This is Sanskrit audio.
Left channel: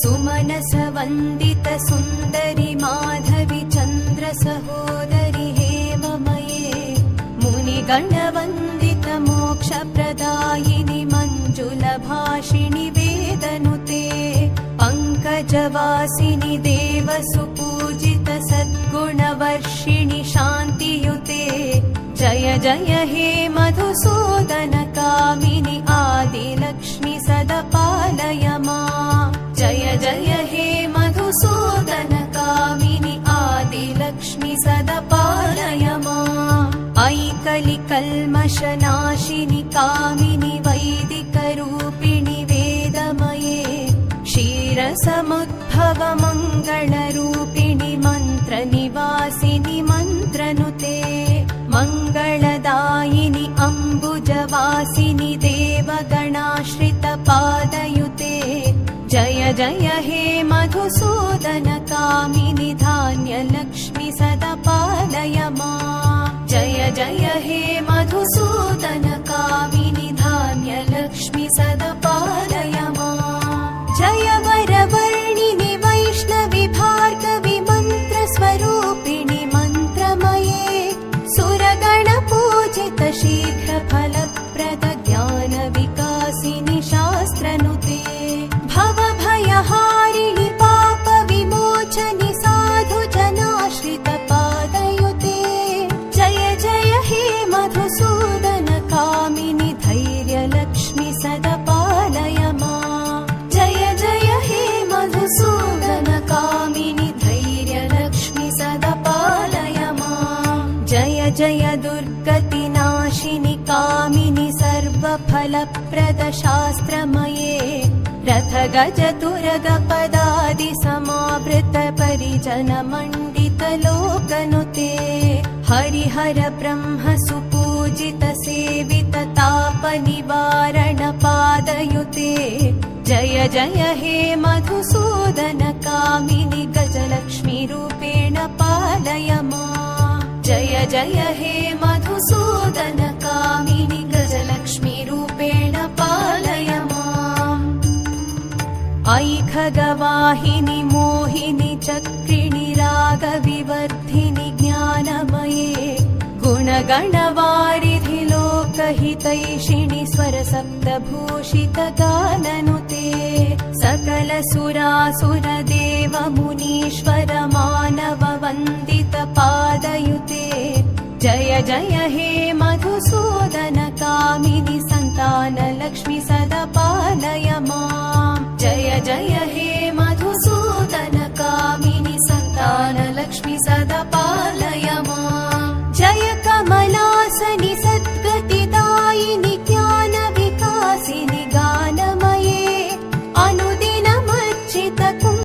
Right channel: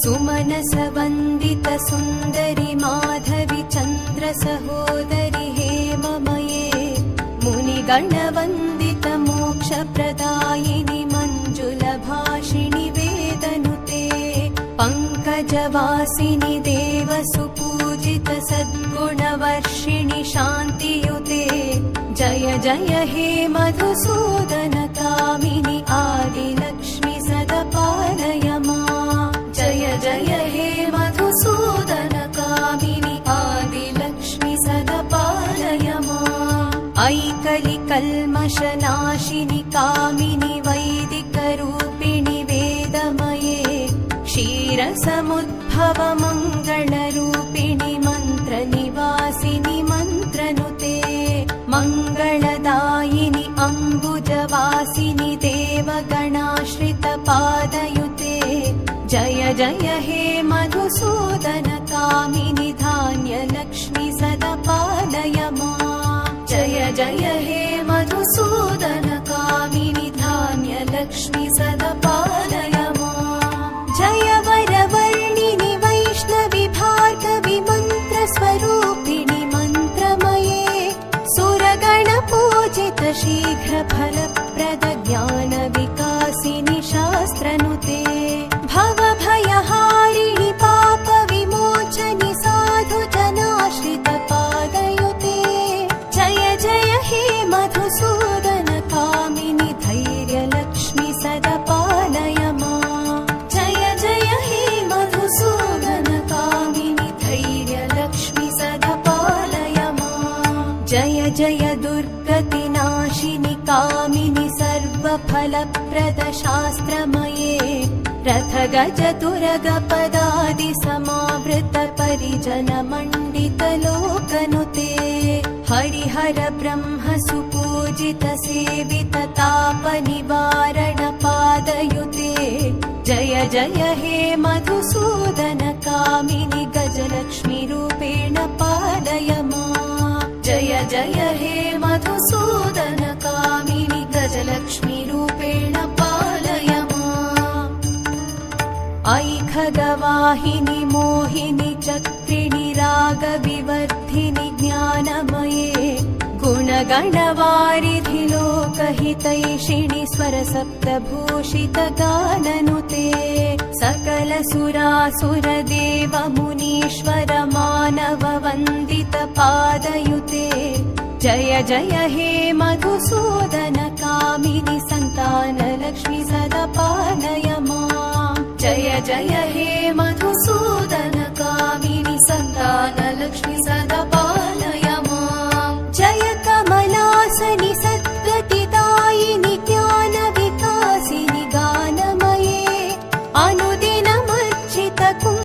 सुमनस वन्दित सुन्दरि माधवि चन्द्र सहोदरि हेममये मुनिगणवन्दित मोक्षप्रदायिनि मञ्जुलभाषिणि वेदनुते पङ्कजवासिनि देवसुपूजित सद्गुणवर्षिणि शान्तियुते जय जय हे मधुसूदन कामिनि आदिलक्ष्मि सदा पालय माम् जय जय हे मधुसूदन कामिनि आदिलक्ष्मि सदा पालय माम् ऐकलिकल्मषनाशिनि कामिनि वैदिकरूपिणि वेदमये क्षीरसमुद्भव मङ्गलरूपिणि मन्त्रनिवासिनि मन्त्रनुते मङ्गलदायिनि अम्बुजवासिनि देवगणाश्रित पादयुते जय जय हे मधुसूदन कामिनि धान्यलक्ष्मि सदा पालय माम् जय जय हे मधुसूदन कामिनि धान्यलक्ष्मि सदा पालय माम् जय वरवर्णिनि वैष्णवि भार्गवि मन्त्रस्वरूपिणि मन्त्रमये सुरगणपूजित शीघ्रफलप्रद ज्ञानविकासिनि शास्त्रनुते भवभयहारिणि पापविमोचनि साधुजनाश्रित पादयुते जय जय हे मधुसूदन कामिनि धैर्यलक्ष्मि सदा पालय माम् जय जय हे मधुसूदन कामिनि धैर्यलक्ष्मि सदा पालय माम् जय जय दुर्गतिनाशिनि कामिनि सर्वफलप्रद शास्त्रमये रथ गज तुरग पदादि समावृत परिजन मण्डित लोकनुते हरिहर ब्रह्म सुपूजित सेवित ताप निवारण पादयुते जय जय हे मधुसूदन कामिनि गजलक्ष्मी रूपेण पालय माम् जय जय हे मधुसूदन कामिनि गजलक्ष्मी रूपेण पालय माम् ऐखगवाहिनि मोहिनि चक्रिणि रागविवर्धिनि ज्ञानमये गुणगणवारिधि लोकहितैषिणि स्वरसप्तभूषित गाननुते सकल सुरासुर देव मुनीश्वर मानव वन्दित पादयुते जय जय हे मधुसूदन कामिनि सन्तानलक्ष्मि सदा पालय माम् जय जय हे मधुसूदन कामिनि सन्तानलक्ष्मि सदा पालय माम् जय कमलासनि